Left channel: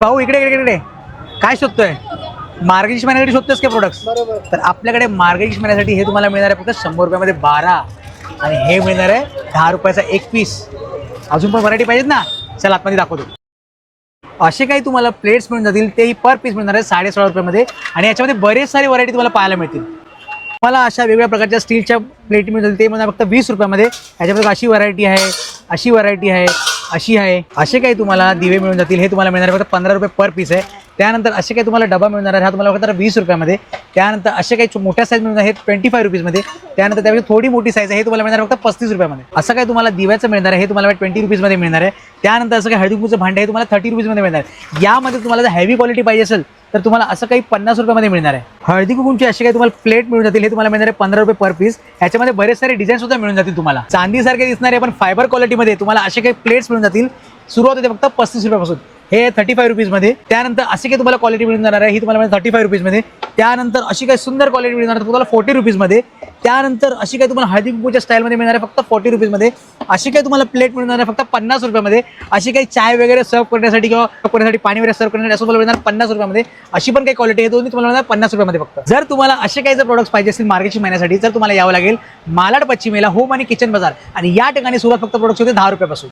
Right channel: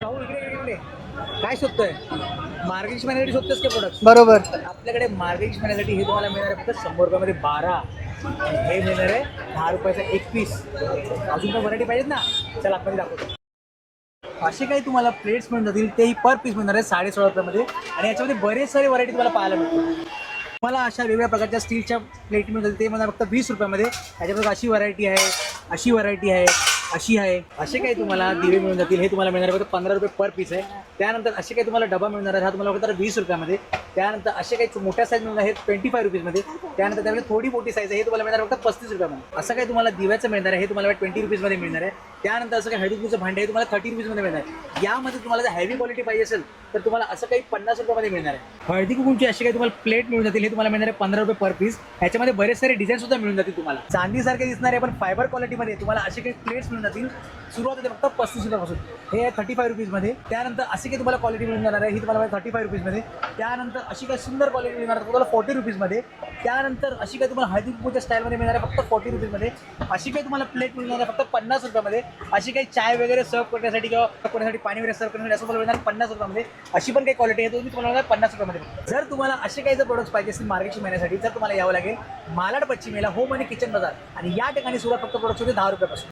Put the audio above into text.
भाऊ इकडे इकडे इकडे काय शोधतोय? मार्गशीर्ष महिन्यासाठी शोधतोस का प्रोडक्ट बरोबर. तर आपल्याकडे मार्गशीर्ष महिन्यासाठी हे तुम्हाला मिळणार आहे फक्त शंभर रुपयामध्ये बारा. आणि हे मिळणार आहे दहा रुपयाचा एक पीस अजून पण व्हरायटी पाहिजेत ना? चला आतमध्ये दाखवतो. असे काही तुम्हाला प्लेट्स मिळून जातील तेही पर पीस मिळणार आहे साडे सोळा रुपयामध्ये. आणि याच्यामध्ये बरेच सारे व्हरायटी तुम्हाला पाहायला मिळतील. मला अशा वेगवेगळ्या प्रकारच्या स्टीलच्या प्लेट मिळून जातील ते मिळणार फक्त वीस रुपयामध्ये. याच्यामध्ये अशी व्हरायटी आहे अशी व्हरायटी आहे. अशी आहे. असे काही तुम्हाला दिवे मिळून जातील. हे तुम्हाला मिळणार फक्त पंधरा रुपये पर पीस आहे. त्यानंतर असे काही तुम्हाला डबा मिळणार आहे हा तुम्हाला फक्त वीस रुपयामध्ये. त्यानंतर असे काही मोठ्या साईज मिळणार आहे ट्वेंटी फाय रुपीजमध्ये. त्यानंतर त्यापेक्षा थोडी मोठी साईज आहे. हे तुम्हाला मिळणार फक्त पस्तीस रुपयामध्ये. असं काही तुम्हाला दिव्याचं मिळणार आहे. हे तुम्हाला ट्वेंटी रुपीजमध्ये मिळणार आहे. त्यानंतर असं काही हळदीकुंचं भांडे हे तुम्हाला थर्टी रुपीजमध्ये मिळणार आहे. यामध्ये तुम्हाला जर हेवी क्वालिटी पाहिजे असेल तर तुम्हाला असं काही पन्नास रुपयामध्ये मिळणार आहे. हळदी कुंकूची असे काही तुम्हाला प्लेट मिळून जातील. हे तुम्हाला मिळणार आहे पंधरा रुपये पर पीस याच्यामध्ये बरेच सारे डिझाईन सुद्धा मिळून जातील तुम्हाला. चांदीसारखे दिसणारे पण फायबर क्वालिटीमध्ये तुम्हाला असे काही प्लेट्स मिळून जातील. सुरुवात होते फक्त पस्तीस रुपयापासून. हे थर्टी फाय रुपीजमध्ये त्यानंतर अशी काही तुम्हाला क्वालिटी मिळून जाणार आहे. ही तुम्हाला थर्टी फाय रुपीजमध्ये त्यानंतर अशी काही सुंदर क्वालिटी मिळून जाणार तुम्हाला फोर्टी रुपीजमध्ये त्यानंतर अशी काही तुम्हाला हळदी कुंकूच्या स्टाईलमध्ये मिळणार आहे फक्त फोर्टी रुपीजमध्ये अशी काही तुम्हाला प्लेट मिळणार आहे फक्त पन्नास रुपयामध्ये अशी काही चाय वगैरे सर्व करण्यासाठी किंवा करण्यासाठी पाणी वगैरे सर्व करण्यासाठी असं तुम्हाला मिळणार पन्नास रुपयामध्ये अशी पण काही क्वालिटी आहे दोन्ही तुम्हाला मिळणार पन्नास रुपयामध्ये फक्त. जर तुम्हाला असे काही जर प्रोडक्ट्स पाहिजे असतील मार्केटची महिन्यासाठी तर तुम्हाला यावं लागेल मालाड पश्चिमेला होम आणि किचन बाजार. आणि या ठिकाणी सुरुवात फक्त प्रोडक्ट्स होते दहा रुपयापासून.